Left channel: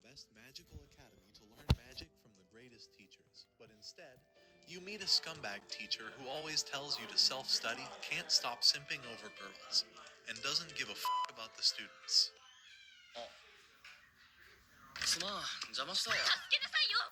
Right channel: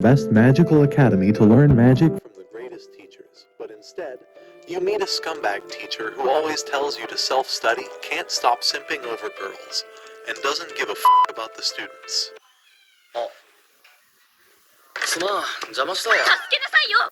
best magical academy to learn magic from the greatest teachers, but instead, you meet a scumbag teacher who always tells you to self-study, can't stop simping over girls, and doesn't give a about the students. すまん、邪魔したわ。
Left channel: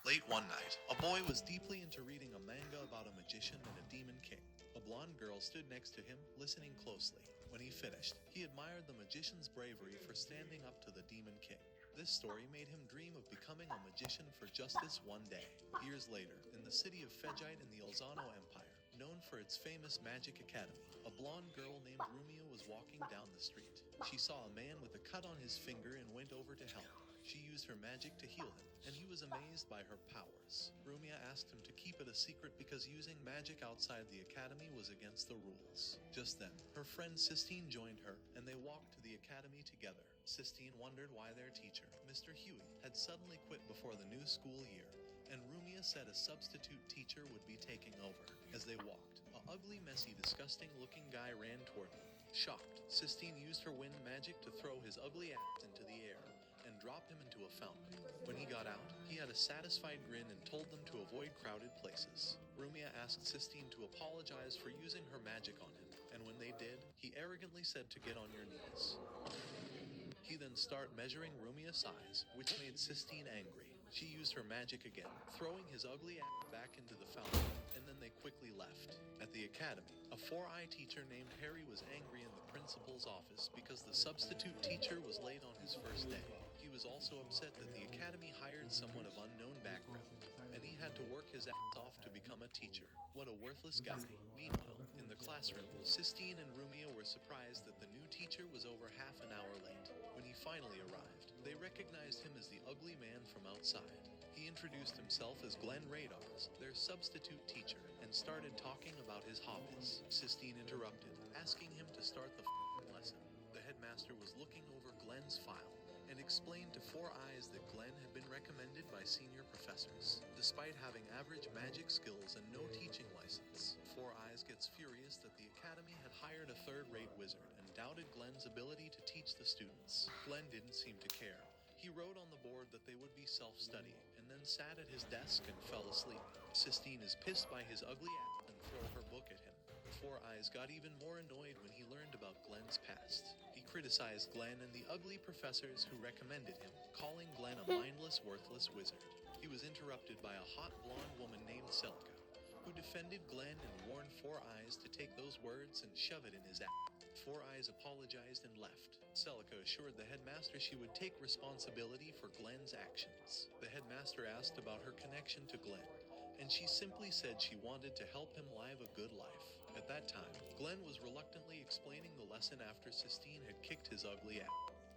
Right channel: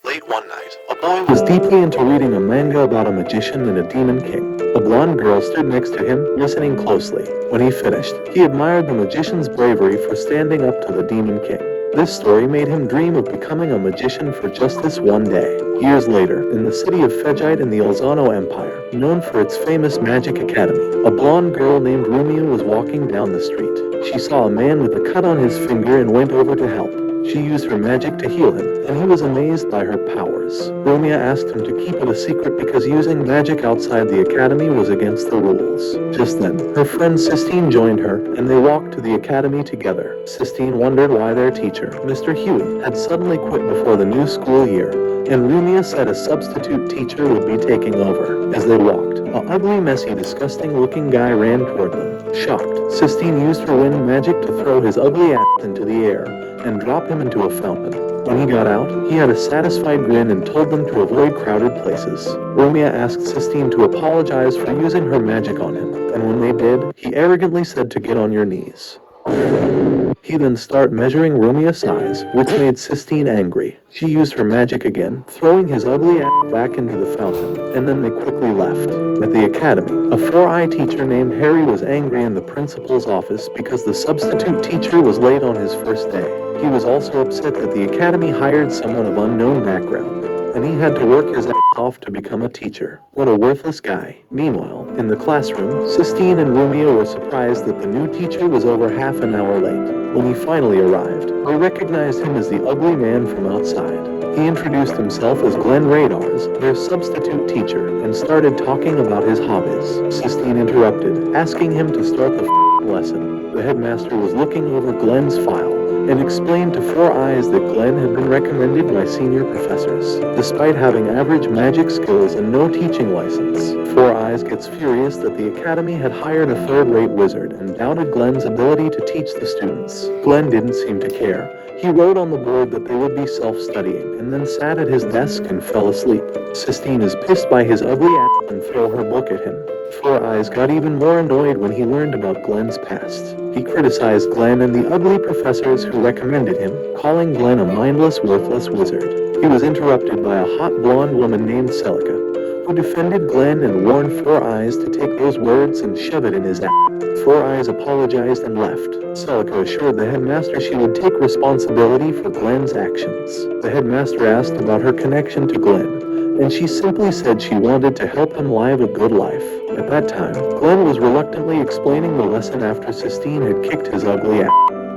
Late one night, a boy was deeply into reading a manga about a magician and a demon king. A blonde girl stood next to him, listening closely. When he finished, he admired the magician's bravery for standing up to the demon king. This story made him dream of becoming a magician for just this one day. Years later, in the city of Fejite in the Elzano Empire, known for its famous magic academy, a blonde girl named Rumia was walking down the street. She saw a man with a cut on his finger and went over to help. She used her magic to heal him, and he was amazed by her powers. Rumia asked him to keep it a secret because using magic outside the academy was against the rules. Just then, her friend Sistine joined her, and they walked to the academy together. Sistine wondered why their teacher, Mr. Huey, had suddenly quit before the new school year, and Rumia said a substitute teacher would be taking over. As they walked, an ugly, messy, disgusting-looking guy ran toward them. Shocked, Sistine used her wind magic to throw his ugly ass into the air and drop him into a fountain. When he got out, he had a satisfied grin and told them to avoid crowded places. Rumia asked Sistine to apologize for using her magic on him, and when they did, he arrogantly said to get on your knees. He then started measuring Rumia's size, which made Sistine angry. She used her magic again, throwing his ugly ass back into the fountain, and then they quickly left. At the academy, a four-eye teacher named Harry was angry in the principal's office because the substitute teacher was late on his first day. He was also upset that the academy hired someone of unknown background, and he had to work his ass off to become a teacher. What a worthless guy. Meanwhile, in the classroom, Sistine and Rumia were surprised that the new teacher was over half an hour late. When he finally arrived, they recognized him as the ugly man from outside. He introduced himself as Glenn Radars, their substitute teacher, and started talking about his hobbies. Sistine interrupted, asking him to start the lesson. The headmaster was looking over Glenn's file and explained to Four Eyes that Glenn had been recommended by senior professors. Despite having average magic skills and no teaching license, Four Eyes gets furious that the academy had hired a third-rate wizard and doubted Glenn's ability to teach the students. Glenn didn't seem to care. He wrote on the board that they would be self-studying, and then sat at his desk and fell asleep. Sistine is pissed by his ugly ass and threw her book at him. Four Eyes got even more annoyed when he learned about Glenn's past. He criticized Glenn and the ugly professors who recommended him, calling Glenn a mindless, worthless wizard. He was interrupted by a hot blonde woman named Celica, who defended Glenn and warned Four Eyes to take those words and shove it in his ass. Four Eyes apologized and left. Celica assured the headmaster she would take responsibility for Glenn's actions. The headmaster asked about her connection to Glenn, and she simply said she wanted to help him live a good life. At that time, Glenn was reluctantly explaining the lesson after Sistine had kicked his ugly ass.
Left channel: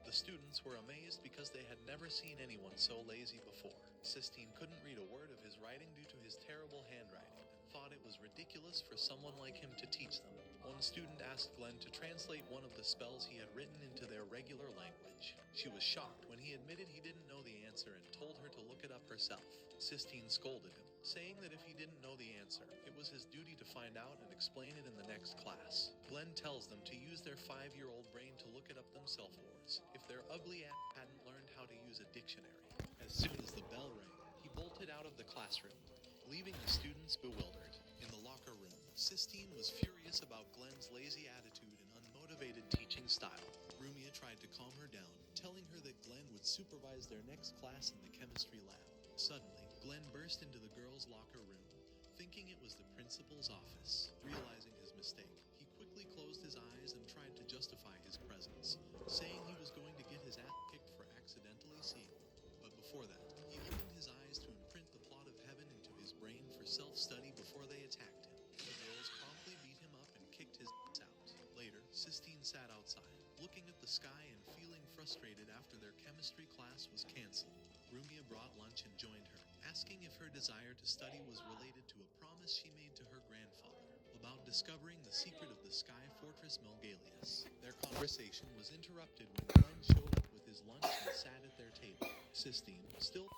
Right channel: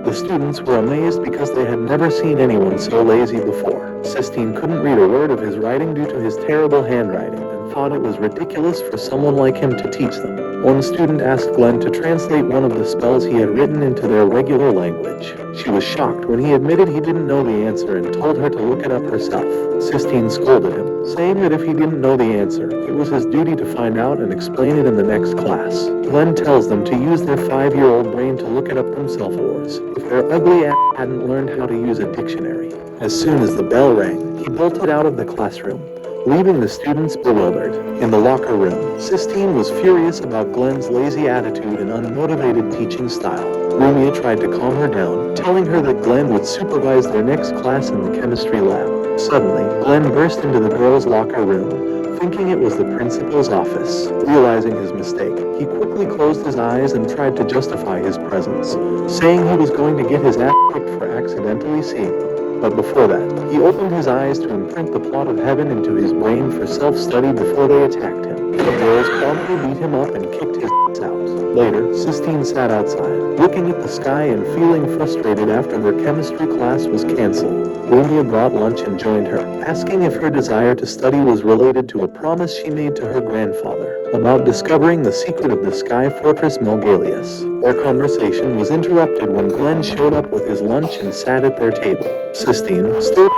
The students were amazed because they had never seen anyone so lazy before. Sistine couldn't read a word of his writing due to his terrible handwriting and thought it was ridiculous for someone like him to teach them. One student asked Glenn to translate one of the spells he had written into their regular language. She was shocked when he admitted he didn't know the answer and told her to look it up herself. Sistine scolded him, saying that if he didn't know the answer, it was his duty to find out and explain it in the next class. Glenn tells them to use their 5-year-old brain to look it up themselves if their ugly ass hadn't learned how to use a dictionary. As soon as the bell rang, he bolted out of the classroom, leaving the students bewildered. In the locker room, Sistine was furious about Glenn's lazy attitude and unmotivated teaching style. Rumia tried to calm her down, telling her that Glenn would supervise their next class in the chemistry lab. Suddenly, Glenn burst into the girls' locker room, thinking it was the principal's office. Realizing his mistake, he quickly closed his eyes and tried to justify his presence, saying he was going to get his ass kicked for accidentally seeing them. But before that, he opened his eyes to imprint the plot of heaven into his brain for self-study before they attacked him. The girls promptly beat him up and kicked his ass out. Later, Sistine sat outside, looking at the sky and feeling frustrated after their chemistry class was canceled. Rumia brought lunch and joined her, asking if her desire to study was related to a promise she made to her grandfather about discovering the secret of the Sky Fortress Melgalius. Their conversation was interrupted when Glenn showed up with his lunch and sat at their table. Sistine, still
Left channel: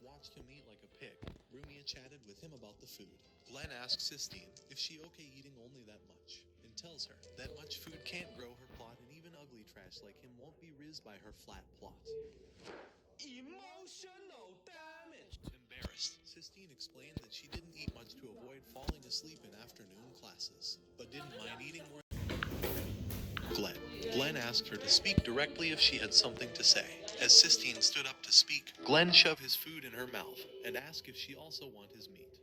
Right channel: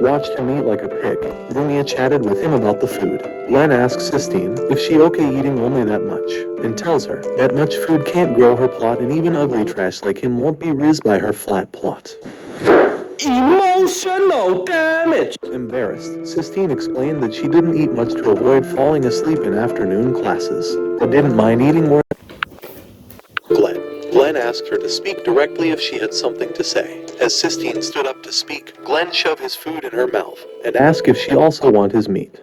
watched him eat like a pig. Rumia chatted with him about the food. Glenn asks Sistine if she okay eating only that much, and tells her that much food can't grow her plot and even ugly trash like him won't be rizzed by her flat plot. Emotion! bitch. Embarrassed, Sistine explained that she didn't eat much to avoid falling asleep in afternoon classes, but didn't mind eating more. Glenn. Glenn asked her to speak directly if she had something to say. As Sistine stood up to speak, Glenn shoved his food in her mouth and asked if she also wanted his meat.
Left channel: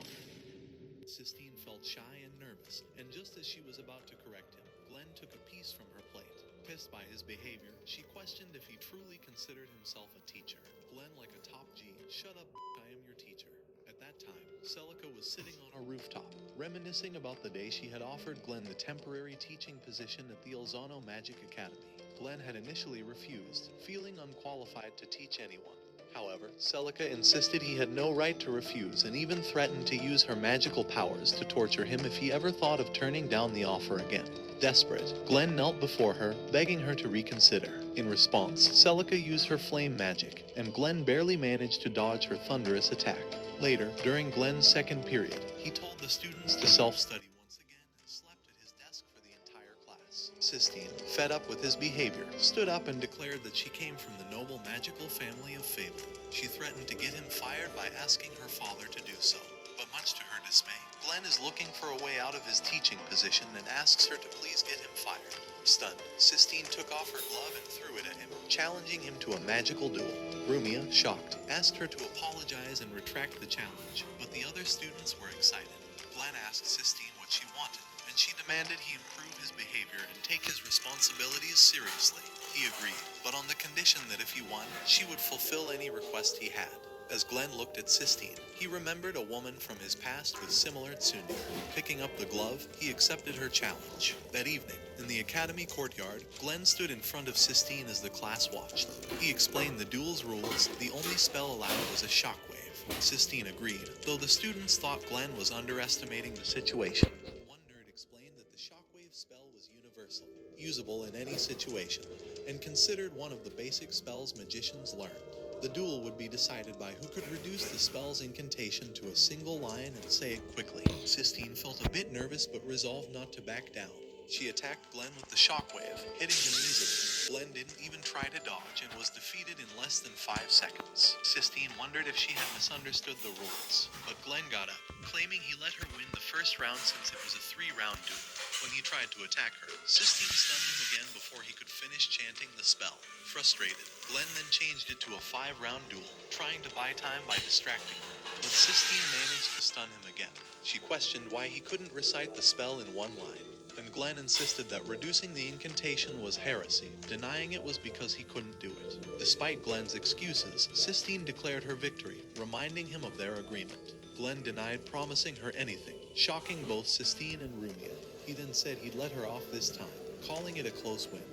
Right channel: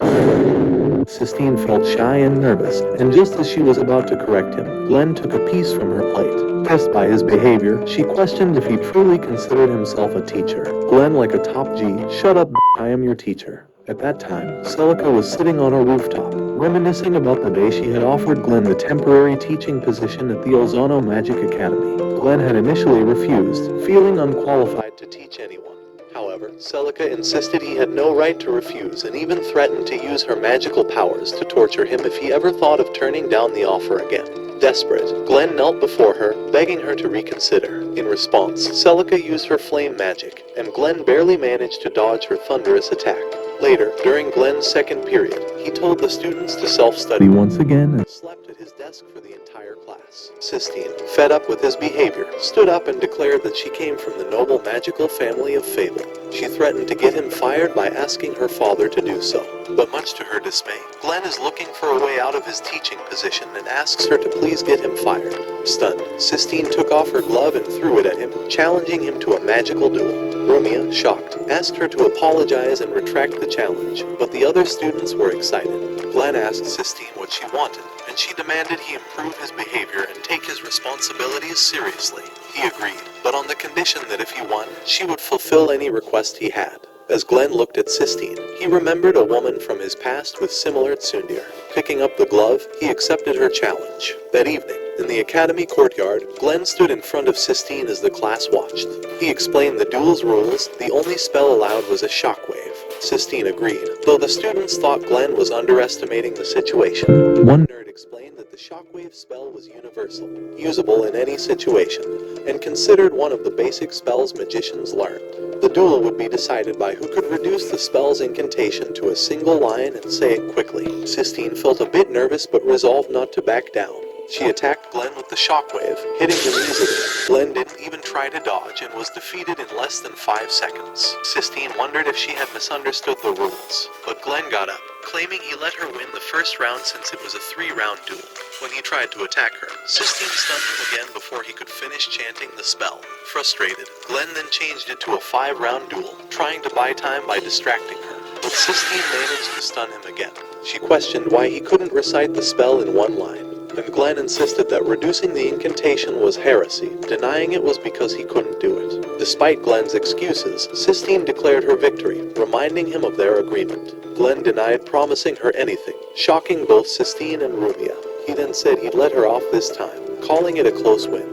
Sistine felt shy and nervous, and just as she was about to correct him, Glenn took a piece from her plate. Pissed by his behavior, she questioned if he truly considered himself a teacher. Glenn, like a top G, "Shut up, I am your teacher." At that time, Celica was sitting on a rooftop, reminiscing about the day she had offered Glenn the temporary teaching position at the Ozono Magic Academy. Glenn had initially refused, feeling unqualified to teach anyone. However, Celica insisted he had no right to refuse and even threatened to use her magical powers to torture him if he ever thought of turning down the offer again. Desperate, Glenn knelt before her, begging her to reconsider. In response, Celica used her flame magic, and Glenn barely managed to dodge her thunderous attack. Later, during Glenn's second period, he told the students to self-study once again and slept at his desk for the entire class. Sistine, fed up with his behavior, stood up and declared that she came from the noble magical family of Fable. She threatened to get him fired by asking her father to do so. But much to her dismay, Glenn is looking for a way out of his teaching position and asks her to please get him fired. Stunned, Sistine took off her glove and threw it at him, challenging him to a magical duel. Rumia, shocked, asked her to apologize and retract the challenge, but the other students were excited. Glenn asked Sistine what she wanted, and she demanded he improve his behavior and take his responsibilities seriously. He agreed, but on the condition that if he won, she would fulfill any request he had. As Glenn looked at Sistine, he remembered a woman from his past with similar tsundere. Picking up the glove, he accepted her challenge. That evening, in the academy courtyard, Glenn stood in front of Sistine as the class watched. He explained the duel's rules. The only spell allowed was a shockwave. Sistine agreed, though the students thought Glenn was underestimating the situation. One nerd explained that the shockwave spell was universal, usable in any situation, and considered one of the basic spells magicians learned. The duel would be decided by who could reduce the spell's incantation to a single line and say it quickly. Sistine felt a bit nervous but resolved not to back down. She attacked Glenn with the shockwave, hitting him easily. Glenn didn't even try to dodge and was defeated in less than 5 seconds. Sistine wondered if she had misunderstood the rules, but Glenn got up, claiming he let her win the first round since it was a 3-round duel. When he tried to attack her, Sistine stunned him again before he could finish chanting the spell. Frustrated, Glenn then changed it to a 5-round duel, trying to buy time by distracting her, but Sistine managed to stun him again. She questioned why he couldn't recite the spell in one line, and Glenn insisted that reducing the incantation was heresy, denying it was because he couldn't do it. Despite Glenn's excuses, Sistine declared her victory, reminding him of their agreement. Glenn denied promising her anything, shocking both Sistine and Rumia. He then said he'd let her off this time, calling it a close win,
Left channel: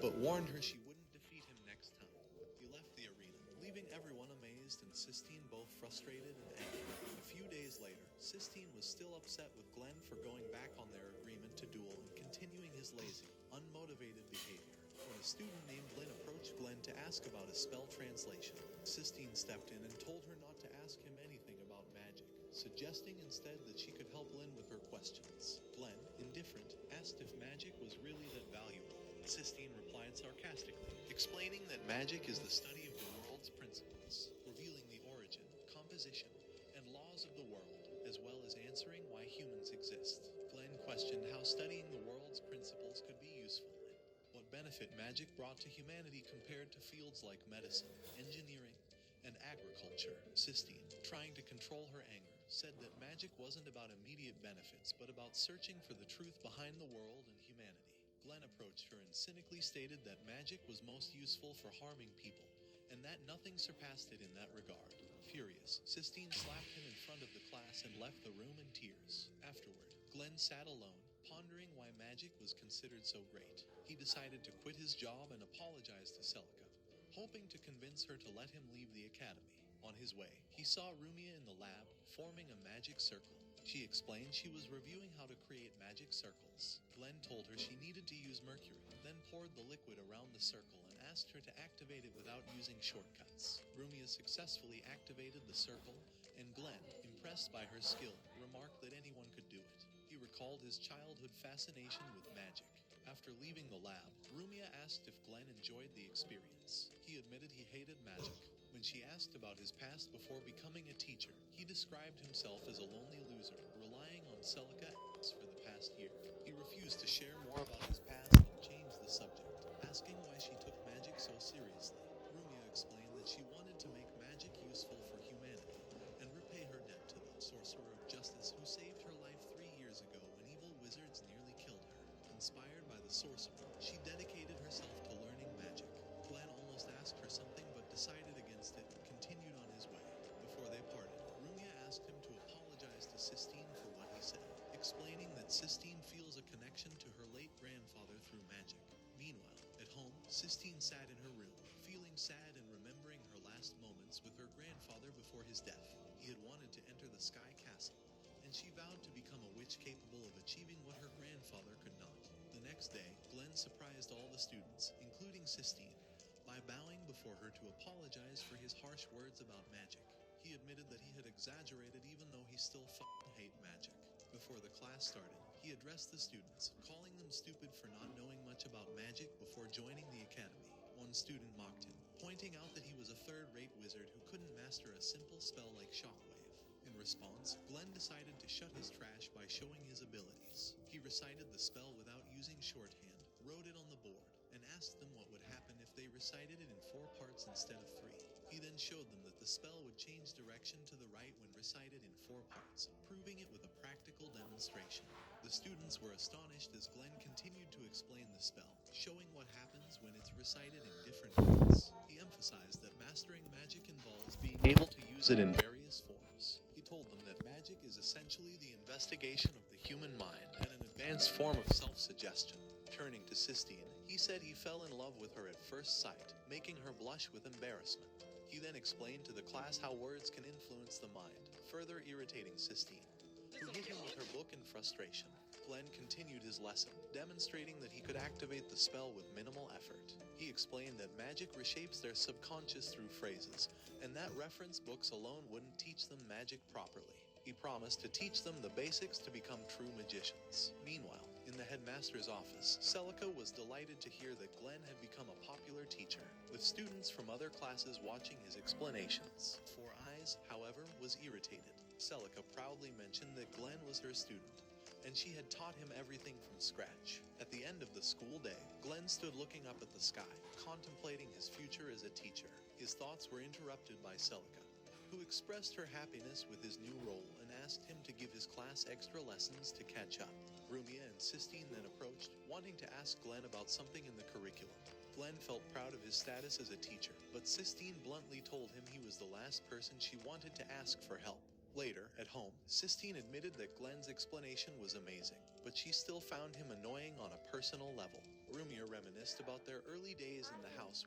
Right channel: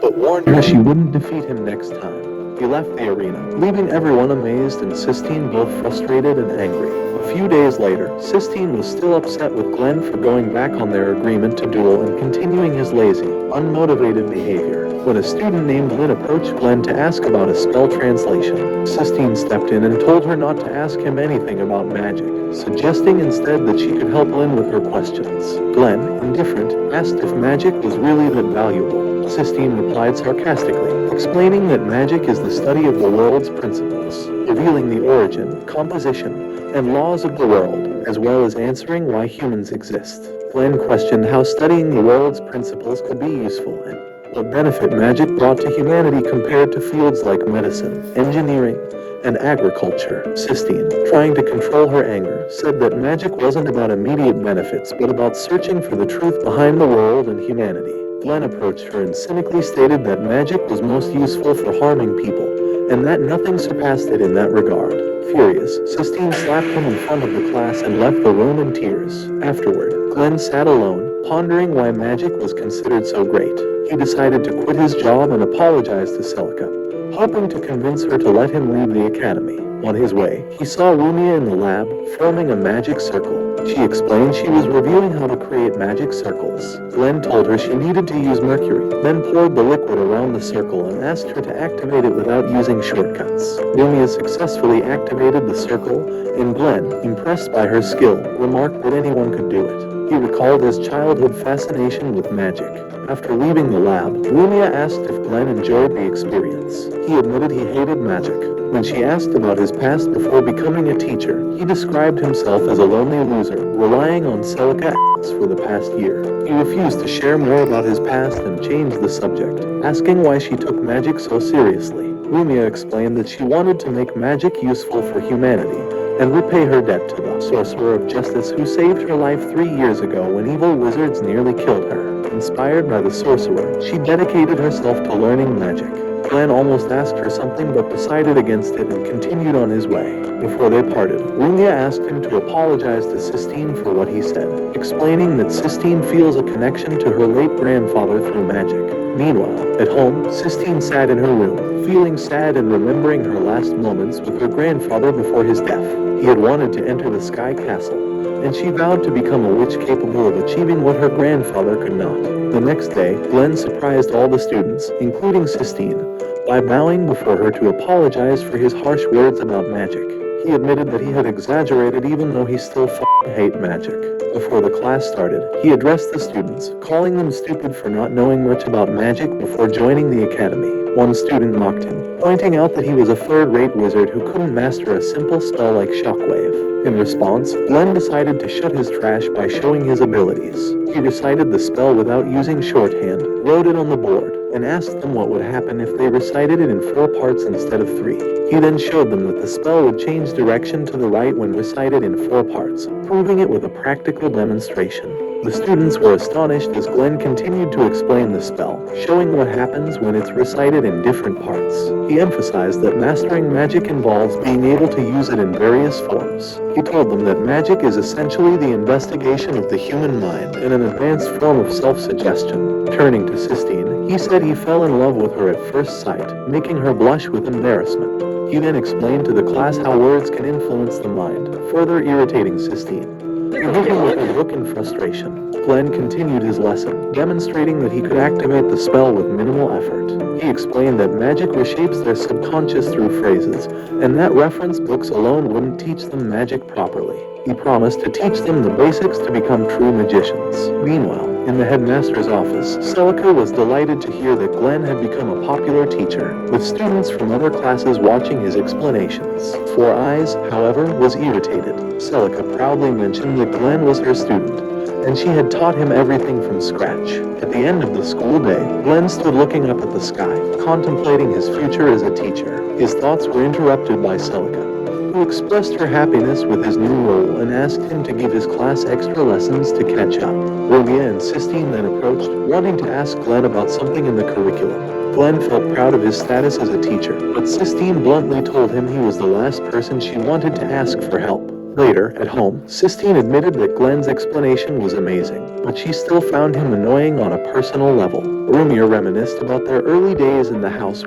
but warned her she wouldn't defeat him next time. He left the arena, leaving everyone amazed and Sistine both frustrated and angry. A few days later, Sistine was still upset with Glenn for going back on their agreement to duel and continuing his lazy, unmotivated behavior. When a student named Lynn approached Glenn to ask about a spell translation, Sistine stepped in and told her not to ask him anything about magic, suggesting instead that she could help Lynn with her questions. Glenn, indifferent, asked if magic was really that valuable. Sistine replied sarcastically, explaining that magic is the study of the world's principles, revealing the origin, composition, and laws of the world, as well as answering why humans exist. Glenn questioned how studying the world's principles could be useful and what benefit magic brought to humanity compared to fields like medicine, engineering, and agriculture. Sistine, trying to control her anger, said that magic wasn't about immediate benefits but about searching for the truth behind the world and humanity. Glenn approached her and cynically stated that magic was most useful for harming people, and that nothing surpassed it in that regard. Furious, Sistine slapped him in front of the class and left the room in tears. Afterward, Glenn sat alone, pondering why magic was considered so great. He decided to quit his job and apologize to Celica, hoping to convince her to let him leave the academy. On his way, he saw Rumia in the lab, forming a magic circle. She explained she was reviewing how to create magic circles. Glenn told her she needed to use mercury, then poured the liquid around the circle and asked her to activate it without using shortcuts. Rumia successfully activated the circle, and Glenn, impressed by her skill, remarked that anyone could do it. He recalled his childhood fascination with magic. After leaving the lab, Rumia asked if Glenn enjoyed the experience. He admitted he hated magic, When she asked about his past before becoming a teacher, he described himself as a lonely loser, relying on Celica for the past year. He refused to share more about his past and changed the subject, asking why she took magic so seriously. Lumia explained that she wanted to make magic useful for humanity and repay her debt to the Sorcerer of Justice who saved her life 3 years ago when evil wizards nearly killed her. Inspired by the sorcerer, she dedicated herself to learning magic. Glenn almost asked her something but decided against it and continued on his way. Before they parted, Rumia asked him to apologize to Sistine for what he said, explaining that Sistine feels a connection to her late grandfather through magic. Meanwhile, at home, Sistine sat in her room, feeling sad and remembering her last moments with her grandfather before his death. He had wanted to enter the Sky Castle, and she vowed to become a witch capable of achieving what her grandfather could not. The next day, Glenn surprised all the students, including Sistine, by bowing before her to apologize for his harsh words about magic. He admitted that he had exaggerated even though he still hate magic. Before the class started, he addressed the students, calling them stupid for not knowing much about magic before joining the academy. One student mocked him, pointing out that he was a third-rate wizard who couldn't master a simple spell like Shockwave. In response, Glenn decided to shut his trash by showing his abilities. He recited the spell without using shorthand, wrote it on the board, and asked them what would happen if they recited it in 4 parts instead of 3. He then showed them that the spell would change direction to the right when recited in 4 parts, proving it with a practical demonstration. The students were astonished as Glenn continued to explain the spell, showing what happens when it's recited in different parts. He emphasized that mastering magic involves being able to use it in various forms. He told them that magic is essentially the investigation of the human mind and an advanced form of self-suggestion. Turning to Sistine, he said he fell in love with her at first sight, making her blush with embarrassment. He then explained to the class how words can influence the mind, further irritating Sistine. Moving with her look in frustration, Glenn continued his lesson, demonstrating that he could activate the spell with minimal effort. He explained that magic reshapes their subconscious through phrases, and that reference books alone wouldn't teach them magic properly. He promised to teach them the basics to become true magicians. Meanwhile, in the headmaster's office, Celica was delighted to hear that Glenn had become a popular teacher, with students from other classes watching his explanations. Four Eyes, however, was irritated. Celica proudly mentioned that Glenn was her student, and she had taught him everything from scratch. At the end of the school day, Glenn stood looking up at the sky, contemplating his future as a teacher. His thoughts were interrupted by Celica, who expressed her happiness with his new role and asked him to give his class extra lessons to catch up. Romeo and Sistine then approached, wanting to ask Glenn about something in the curriculum. Glenn felt proud of his status as a teacher, but Sistine bluntly told him he was the last person she wanted to ask for help. Later, at home, Sistine admitted that Glenn's explanation was amazing, but she still found him annoying on a personal level. Romeo reminisced about their early days in the house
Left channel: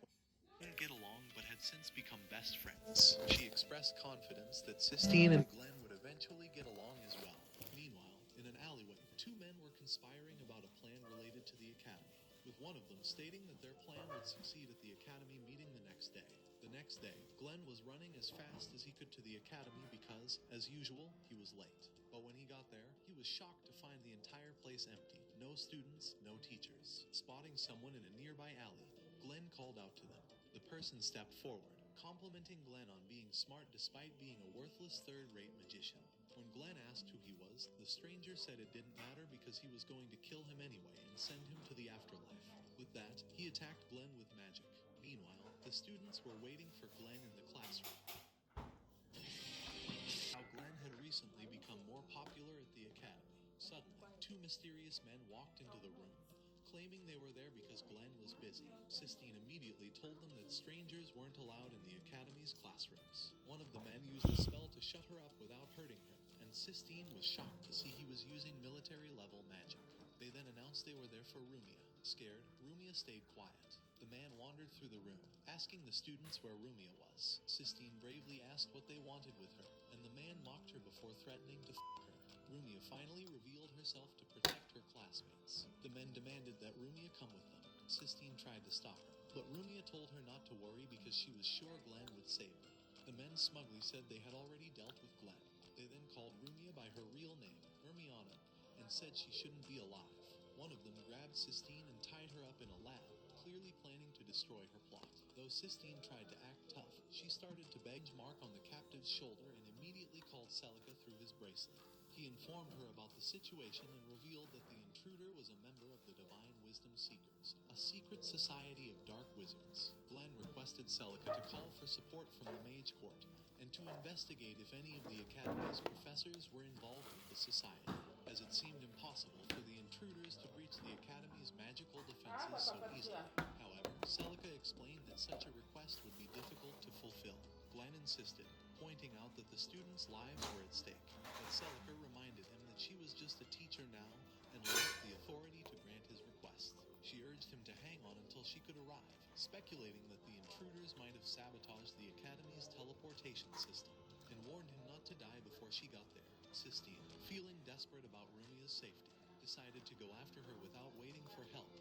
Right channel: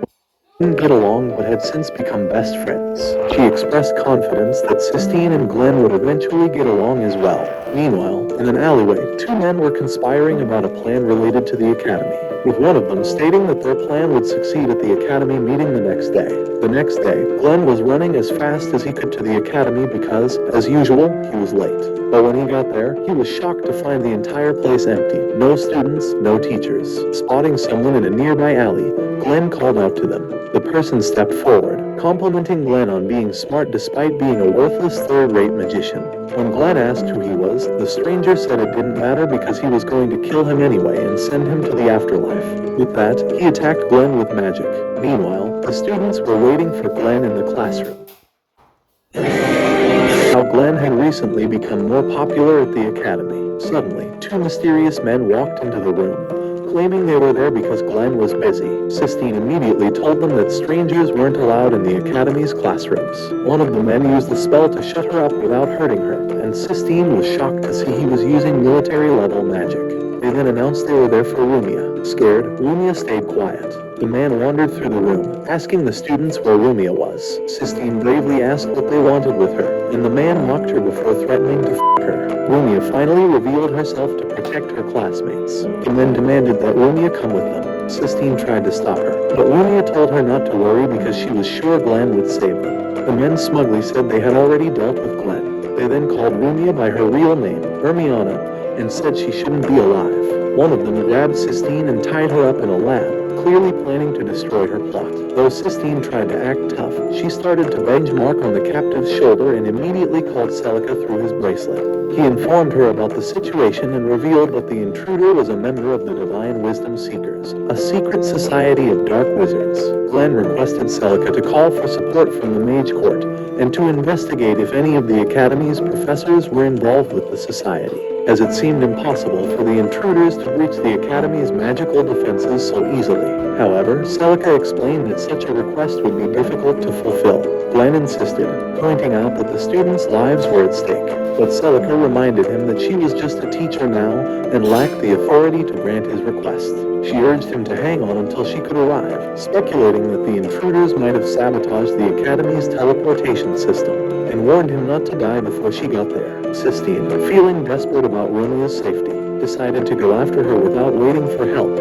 didn't get along but had since become best friends. She expressed confidence that Sistine and Glenn would eventually get along as well. Meanwhile, in an alleyway, 2 men were conspiring about a plan related to the academy, with one of them stating that their plan would succeed at the academy meeting the next day. The next day, Glenn was running as fast as he could to the academy because, as usual, he was late. But when he got there, he was shocked to find the entire place empty. No students, no teachers. Spotting someone in a nearby alley, Glenn called out to them. The person stepped forward, complimenting Glenn on being smart despite being a worthless third-rate magician. When Glenn asked who he was, the stranger said it didn't matter because he was going to kill him anyway and send him to the afterlife. With that, he attacked Glenn with magic. Meanwhile, the students were waiting for Glenn in the classroom. How Glenn had recently become more popular at the academy. Suddenly, 2 mysterious men walked into the room, claiming they were there because Glenn was busy. Sistine immediately told them that strangers weren't allowed in the academy's classrooms. One of the men used the spell to shut her up without hurting her, and Sistine was shocked to see he was using military-level magic. They then announced they were there for Rumia. Scared, Rumia stayed quiet. The man wandered through the room, asking the students where Rumia was. Sistine bravely asked what they wanted with her, and the man mocked her before threatening to her. Rumia finally revealed herself to protect her classmates, and then demanded that Rumia come with them. Sistine tried to stop her, but Rumia told her not to worry because she was sure Glenn would save them. The men smugly said they had already dealt with Glenn. They then called Rumia by her real name, Hermione, and said she shouldn't be alive. One of them grabbed Sistine and tied her up in a lab, clearly planning to destroy her plot. Though Sistine tried to act tough, she started to benchmark on the captive's shoulder and immediately called Celica through his bracelet. He informed her about the situation and revealed that the intruder was a member of the Divine Wisdom Seekers, a secret society of dark wizards. Glenn requested Celica to call for support from the Mage Court and to investigate if any of the Academy's professors were involved with the society, as it seemed impossible for the intruders to breach the Academy's magical defenses so easily. However, Celica explained that such a request would be difficult to fulfill. Glenn insisted, pointing out that the students' lives were at stake, but Celica reminded him that she was just a teacher now and lacked the authority to grant his request. She urged him to hang on until she could arrive, speculating that the intruders might have sabotaged the Academy's teleportation system, and warned him not to die before she got there. Sistine, feeling desperate about Romeo's safety, decided to go after her without waiting for help,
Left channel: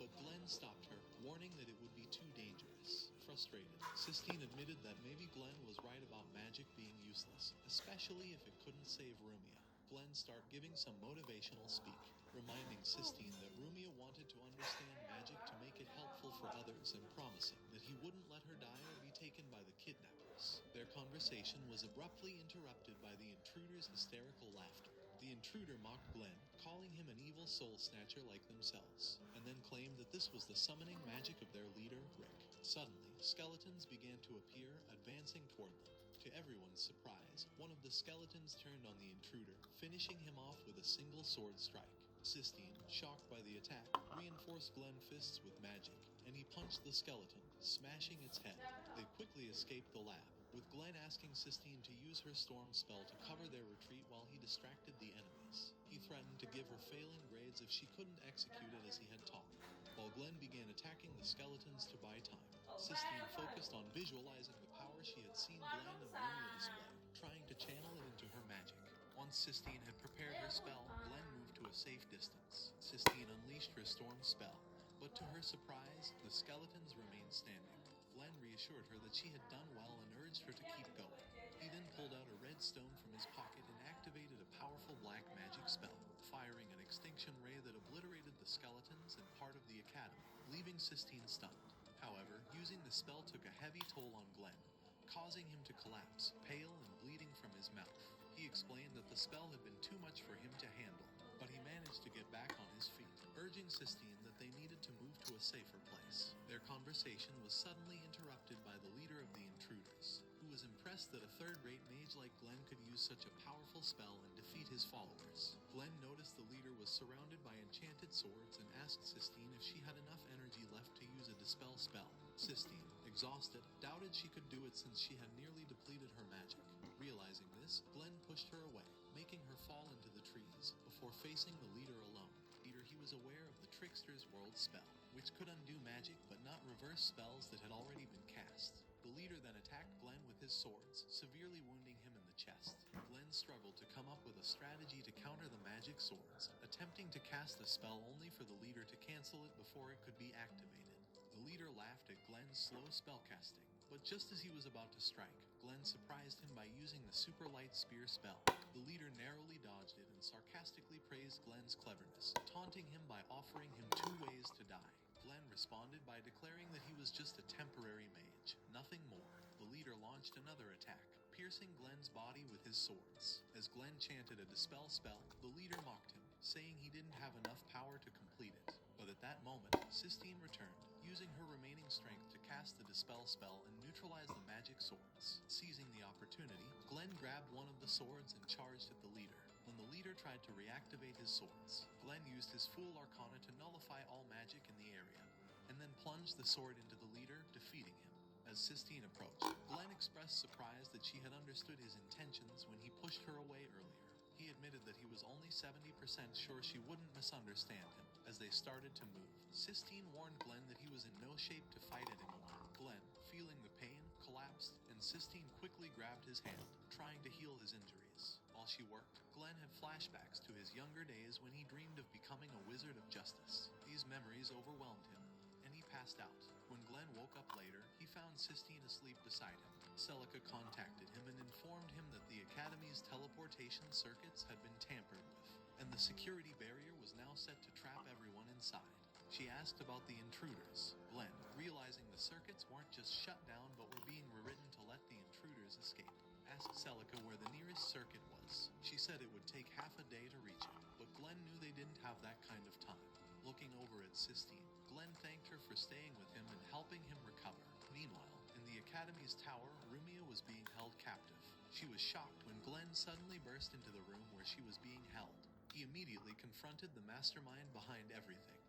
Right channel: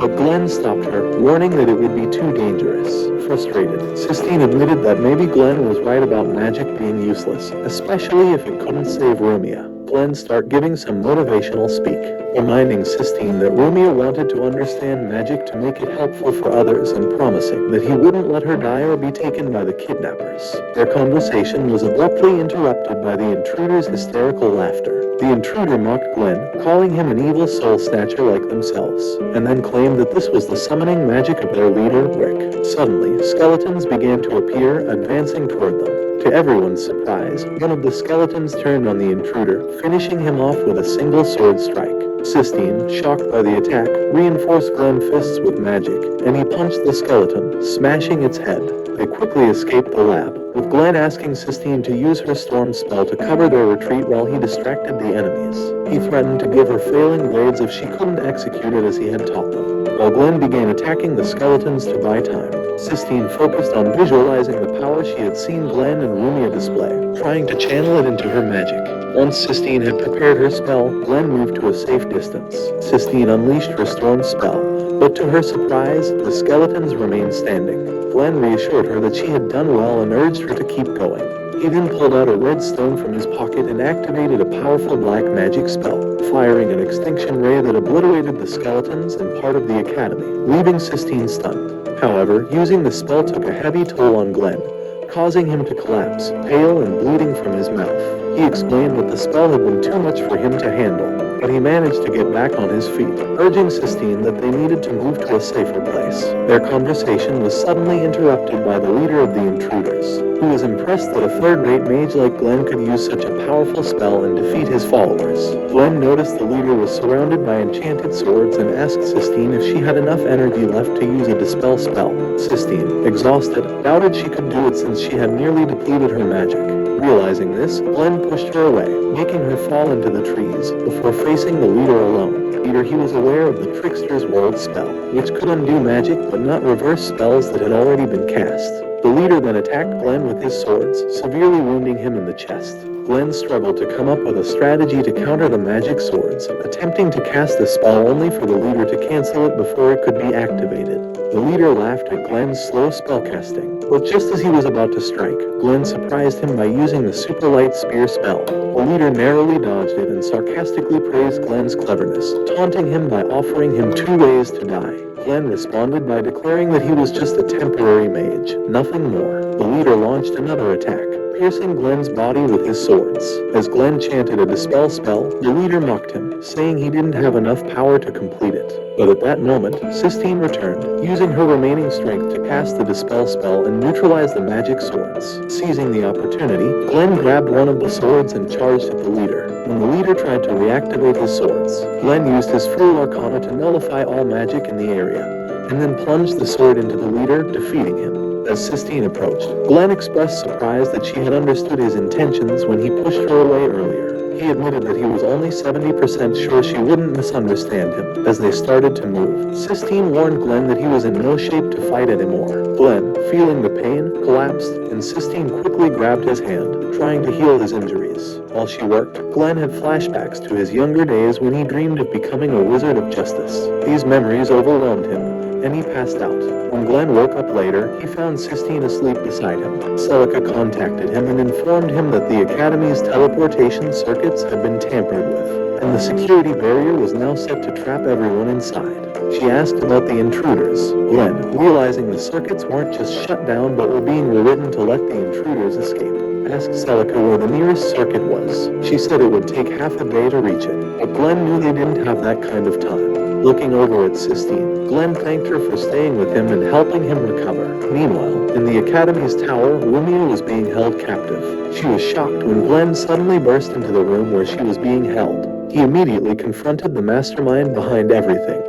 but Glenn stopped her, warning that it would be too dangerous. Frustrated, Sistine admitted that maybe Glenn was right about magic being useless, especially if it couldn't save Romeo. Glenn started giving some motivational speak, reminding Sistine that Romeo wanted to understand magic to make it helpful for others and promising that he wouldn't let her die or be taken by the kidnappers. Their conversation was abruptly interrupted by the intruder's hysterical laughter. The intruder mocked Glenn, calling him an evil soul snatcher like themselves, and then claimed that this was the summoning magic of their leader, Rick. Suddenly, skeletons began to appear, advancing toward them. To everyone's surprise, one of the skeletons turned on the intruder, finishing him off with a single sword strike. Sistine, shocked by the attack, reinforced Glenn's fists with magic, and he punched the skeleton, smashing its head. They quickly escaped the lab, with Glenn asking Sistine to use her storm spell to cover their retreat while he distracted the enemies. He threatened to give her failing blades if she couldn't execute it as he had taught them. While Glenn began attacking the skeletons to buy time, Sistine focused on visualizing the power she had seen Glenn and Rumia display, trying to channel it into her magic. Once Sistine had prepared her spell, Glenn moved to a safe distance. Sistine unleashed her storm spell, but to her surprise, the skeletons remained standing. Glenn reassured her that she had done well and urged her to keep going. He then pulled out a red stone from his pocket and activated a powerful black magic spell, firing an extinction ray that obliterated the skeletons and part of the academy, leaving Sistine stunned. However, using the spell took a heavy toll on Glenn, causing him to collapse, pale and bleeding from his mouth. He explained that the spell had been too much for him to handle, but he managed to get back on his feet, urging Sistine that they needed to move to a safer place. Their conversation was suddenly interrupted by the leader of the intruders, who was impressed that a third-rate mage like Glenn could use such a powerful spell and defeat his followers. Glenn noticed the leader was surrounded by enchanted swords and asked Sistine if she had enough energy left to use a dispel spell. Sistine, exhausted, doubted she could do it since she had nearly depleted her magic. Realizing this, Glenn pushed her away, making her fall into the trees, before facing the leader alone. Later, he was aware of the Trickster's World spell, which could undo magic but not reverse spells that had already been cast. The leader then attacked Glenn with his swords, severely wounding him in the chest. Glenn struggled to come up with a strategy to counter the magic swords, attempting to cast the spell only for the leader to cancel it before it could be activated. The leader laughed at Glenn's slow spellcasting, but just as he was about to strike, Glenn surprised him by using the super light spear spell. The leader narrowly dodged it and sarcastically praised Glenn's cleverness, taunting him by offering him 2 ways to die. Glenn responded by declaring that he was just a temporary mage, nothing more. The leader launched another attack, piercing Glenn's body with his swords. As Glenn chanted a dispel spell, the leader mocked him, saying he didn't have enough power to complete it. But at that moment, Sistine returned, using her remaining strength to cast the dispel spell and neutralize the magic swords. Seizing the opportunity, Glenn grabbed one of the swords and charged at the leader. When the leader tried to reactivate his swords, Glenn used his Fool Arcana to nullify all magic in the area, and then plunged the sword into the leader, defeating him. As Sistine approached, Glenn expressed surprise that she had understood his intentions when he pushed her away earlier. He admitted that he was only 70% sure she wouldn't misunderstand him. As they started to move, Sistine warned Glenn that he was in no shape to fight anymore. Glenn, feeling the pain, collapsed, and Sistine quickly grabbed his hand, trying to heal his injuries. While she worked, Glenn had flashbacks to his younger days when he dreamed of becoming a wizard of justice. These memories overwhelmed him, and he passed out. When Glenn woke up later, he found Sistine asleep beside him. Celica contacted him and informed him that the Academy's teleportation circuits had been tampered with. and the security barrier was now set to trap everyone inside. She asked about the intruders. Glenn, realizing the circuits weren't just shut down but were being rewritten to let the intruders escape, asked Celica where the nearest circuit was. She said it would take half a day to reach it, but Glenn knew they didn't have that kind of time. Looking over at Sistine, Glenn thanked her for staying with him and helping him recover. Meanwhile, in the Academy's tower, Lumia was being held captive. She was shocked when Glenn suddenly burst into the room where she was being held. He immediately confronted the mastermind behind everything,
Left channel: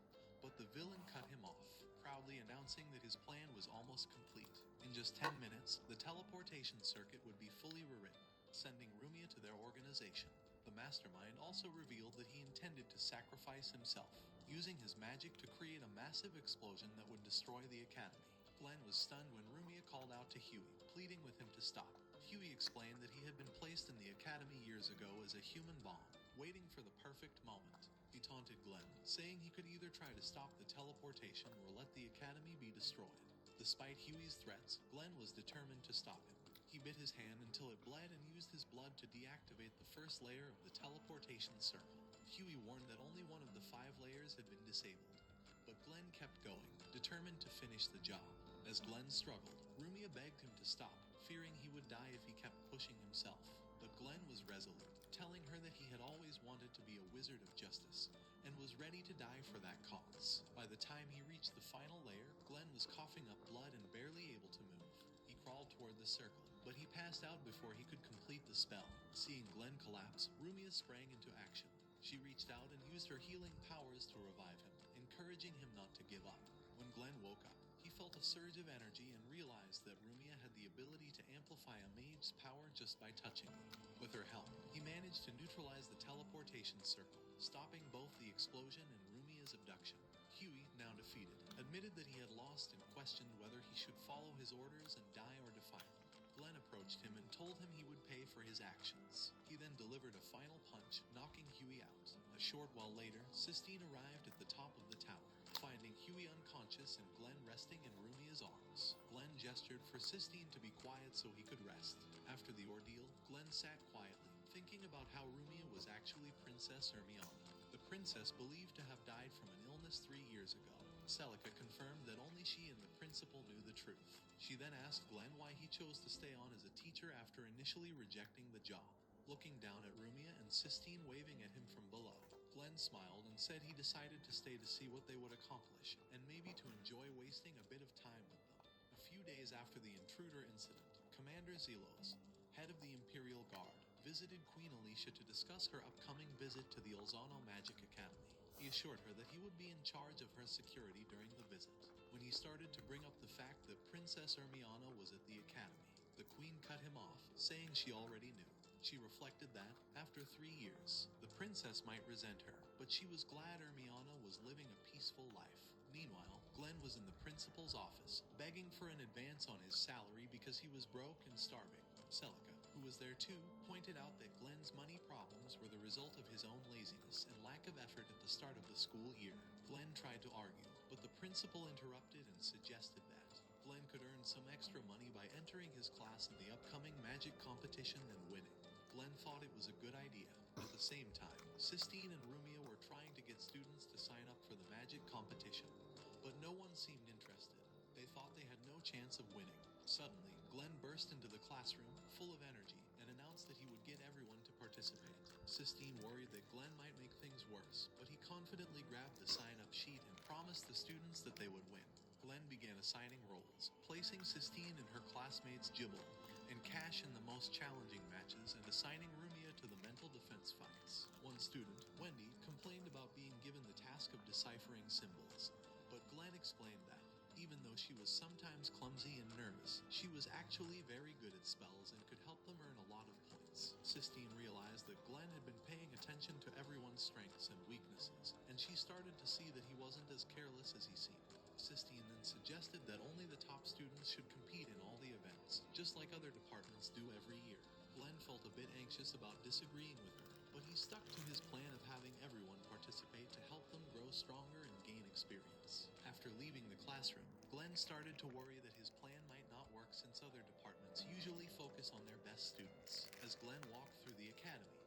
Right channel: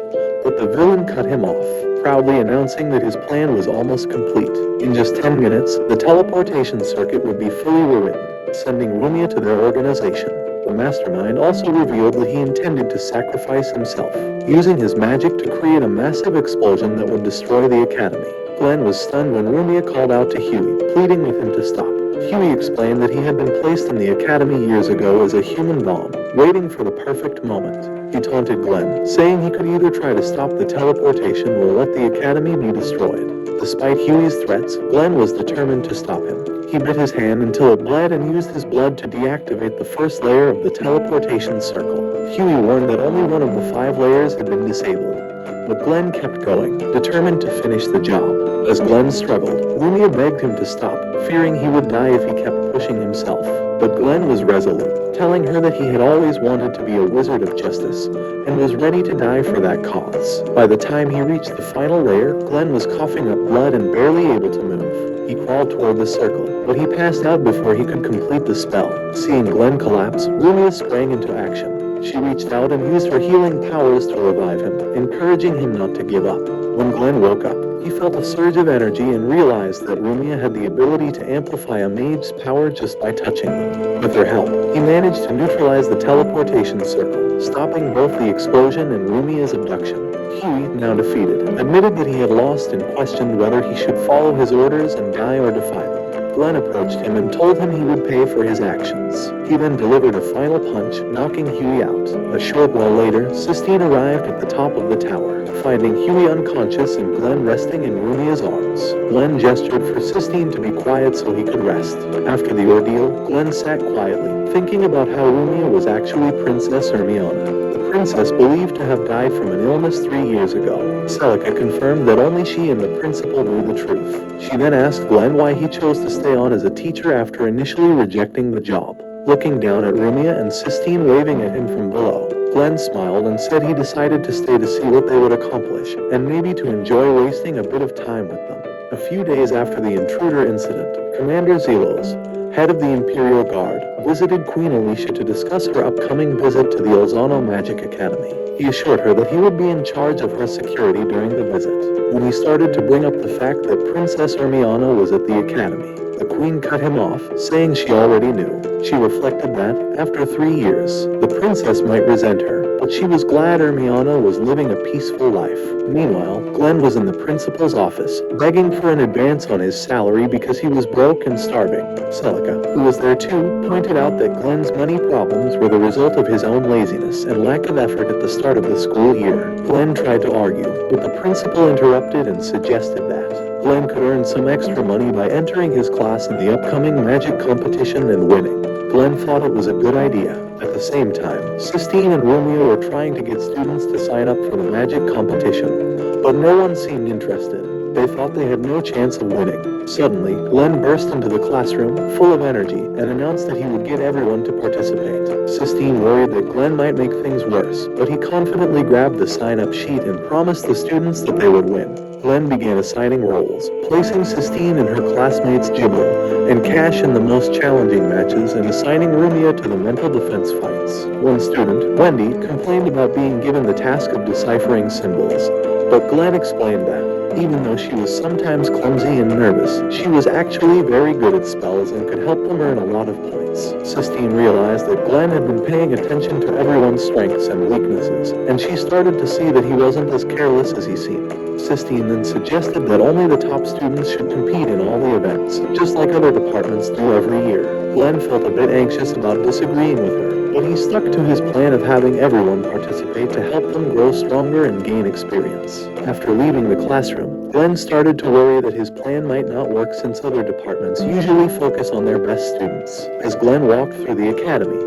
but the villain cut him off, proudly announcing that his plan was almost complete. In just 10 minutes, the teleportation circuit would be fully rewritten, sending Lumia to their organization. The mastermind also revealed that he intended to sacrifice himself, using his magic to create a massive explosion that would destroy the Academy. Glenn was stunned when Lumia called out to Huey, pleading with him to stop. Huey explained that he had been placed in the Academy years ago as a human bomb, waiting for the perfect moment. He taunted Glenn, saying he could either try to stop the teleportation or let the Academy be destroyed. Despite Huey's threats, Glenn was determined to stop him. He bit his hand until it bled and used his blood to deactivate the first layer of the teleportation circle. Huey warned that only one of the 5 layers had been disabled, but Glenn kept going, determined to finish the job. As Glenn struggled, Lumia begged him to stop, fearing he would die if he kept pushing himself. But Glenn was resolute, telling her that he had always wanted to be a wizard of justice, and was ready to die for that cause. By the time he reached the final layer, Glenn was coughing up blood and barely able to move. He crawled toward the circle, but he passed out before he could complete the spell. Seeing Glenn collapse, Lumia sprang into action. She reached out and used her healing powers to revive him, encouraging him not to give up. When Glenn woke up, he felt a surge of energy and realized that Lumia had the ability to amplify a mage's power just by touching them. With her help, he managed to neutralize the teleportation circle, stopping both the explosion and Lumia's abduction. Huey, now defeated, admitted that he had lost and questioned whether he should follow his orders and die or defy them. Glenn approached him and told him he would pay for his actions. He then delivered a final punch, knocking Huey out. A short while later, Sistine arrived at the top of the tower, finding Huey unconscious and Glenn resting in Lumia's arms. Glenn gestured for Sistine to be quiet so he could rest. After the ordeal, Glenn sat quietly, thinking about how Lumia was actually Princess Hermione. The princess believed to have died from an illness 3 years ago. Celica confirmed that only she and the principal knew the truth. She then asked Glenn why he chose to stay on as a teacher after initially rejecting the job. Looking down at Lumia and Sistine waving at him from below, Glenn smiled and said he decided to stay to see what they would accomplish, and maybe to enjoy wasting a bit of time with them. A few days after the intruder incident, Commander Zelos, head of the Imperial Guard, visited Queen Alicia to discuss her upcoming visit to the Elzano Magic Academy. He assured her that he would be in charge of her security during the visit. When he started to bring up the fact that Princess Hermione was at the academy, the Queen cut him off, saying she already knew. She reflected that, after 3 years, the princess might resent her, but she was glad Hermione was living a peaceful life. Meanwhile, Glenn was in the principal's office, begging for an advance on his salary because he was broke and starving. Celica, who was there too, pointed out that Glenn's money problems were the result of his own laziness and lack of effort at the start of the school year. Glenn tried to argue, but the principal interrupted and suggested that Glenn could earn some extra money by entering his class in the upcoming magic competition and winning. Glenn thought it was a good idea. At the same time, Sistine and Romeo were trying to get students to sign up for the magic competition, but no one seemed interested. They thought they had no chance of winning. Suddenly, Glenn burst into the classroom, full of energy, and announced that he would get everyone to participate. Sistine worried that Glenn might make things worse, but he confidently grabbed the sign-up sheet and promised the students that they would win. Glenn began assigning roles, placing Sistine and her classmates Gibble and Cash in the most challenging matches and assigning Rumia to the mental defense fights. One student, Wendy, complained about being given the task of deciphering symbols, but Glenn explained that, even though she was sometimes clumsy and nervous, she was actually very good at spells and could help them earn a lot of points. Sistine realized that Glenn had been paying attention to everyone's strengths and weaknesses, and she started to see that he wasn't as careless as he seemed. Sistine then suggested that only the top students should compete in all the events, just like other departments do every year. Glenn felt a bit anxious about disagreeing with her, but he stuck to his plan of having everyone participate to help them grow stronger and gain experience. After leaving the classroom, Glenn started to worry that his plan might not work since other departments usually focus on their best students. As Glenn walked through the academy,